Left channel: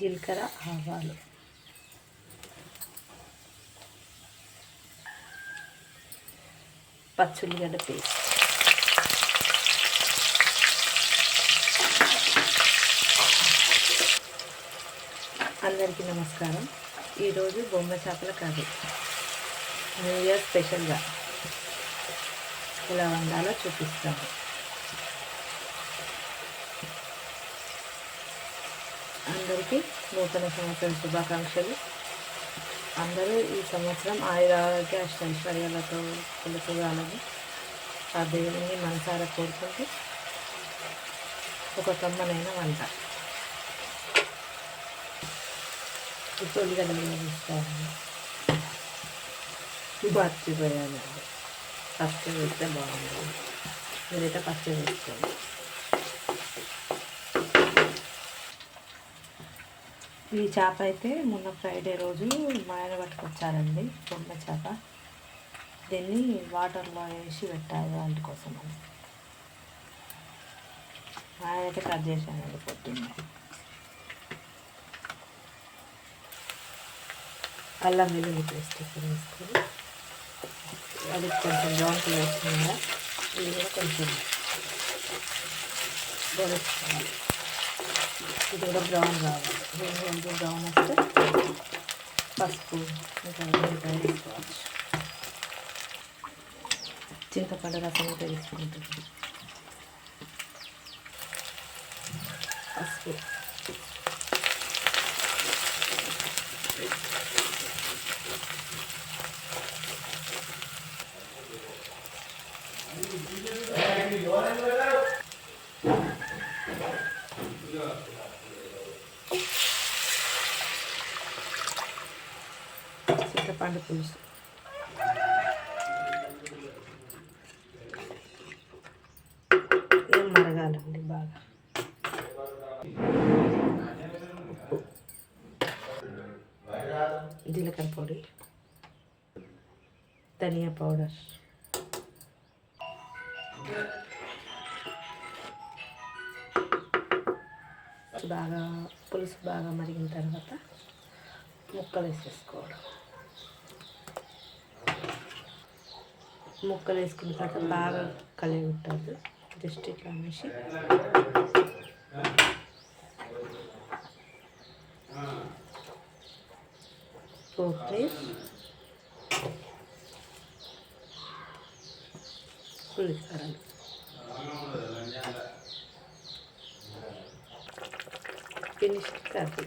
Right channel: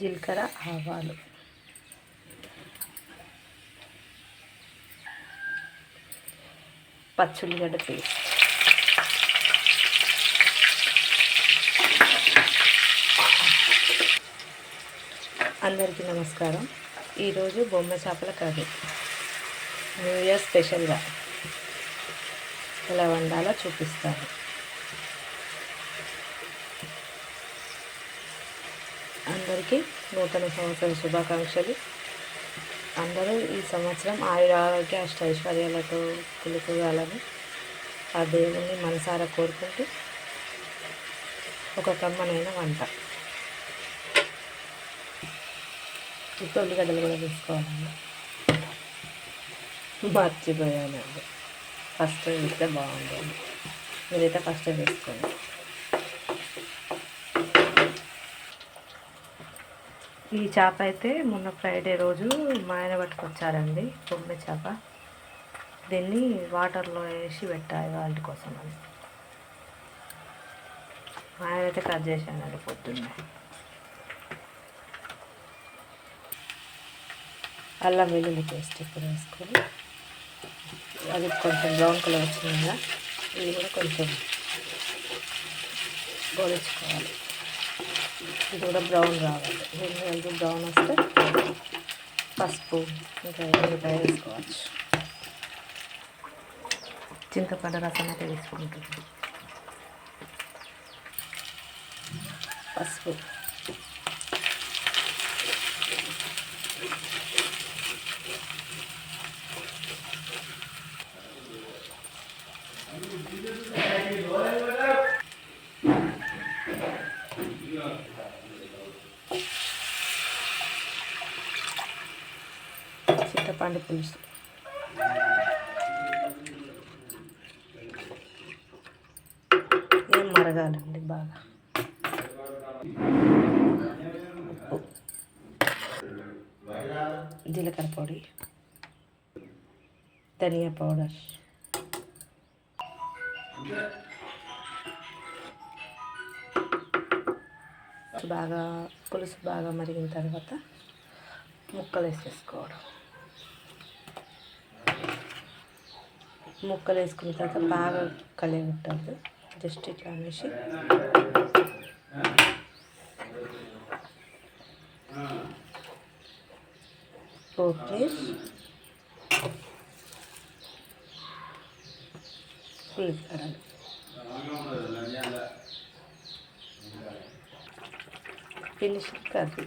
జీలకర్ర ఆవాలు. పచ్చుల్లిగడ్డ పేస్ట్. అందరికీ నమస్కారం. ఈరోజు బొమ్మ చేపల కర్రీ. న్యూ ఇయర్ స్పెషల్గా. ఎలా వండాలో చూపిస్తాను. అందరికీ నూతన సంవత్సరం శుభాకాంక్షలు. అందరూ ఈ సంవత్సరం ఆయుర ఆరోగ్య అష్ట ఐశ్వర్యాలతో ఆ దేవుని మనసారా కోరుకుంటూ ఒక కమ్మనైన వంట. ఇప్పుడు ఉల్లిగడ్డలు కూడా తీసుకోవాలండి మర్చిపోయానండి. ఫస్ట్ చూస్తే బాగుంటుంది. మీరైతే ఫస్ట్ చూసుకోండి ఈ చేప అయితే మొన్న ఫ్రైడే రోజు మా ఆయన పట్టుకొచ్చారండి బొమ్మ చేప. దీన్ని వాటర్లో వేసి పెట్టాలి వాళ్ళ కోసం అని. మా ఆయన అయితే కట్ చేశానండి పొద్దున్నే. అల్లం వెల్లుల్లి పేస్ట్ ఇక్కడ వేసుకొని అది కొంచెం బ్రౌన్ కలర్ వచ్చిందా కదా ఇది కూడా కొంచెం గోడెచ్చుకోవాలి ఇది కూడా బ్రౌన్ రావాలి. దీన్ని ఎంత బ్రౌన్ వస్తే పసుపు ఇంకా ఉల్లిపాయ వేసుకోవచ్చు. చింతపండు రసం అయితే తీసుకుంటుంది పసుపు. చింతపండు పులుసు. ఏం మరగాలండి బాగా? జీలకర్ర పొడి ధనియా పౌడర్. బాగా పులుసు బాగా మరిగిన తర్వాత ముక్కలు వేసేసుకోవడం ముక్కలు వేసుకున్న తర్వాత బాగా కలిగి జస్ట్ ఇట్లా అనేసి. ఓకే ఉల్లిగడ్డలు ఫినిష్ కర్రీ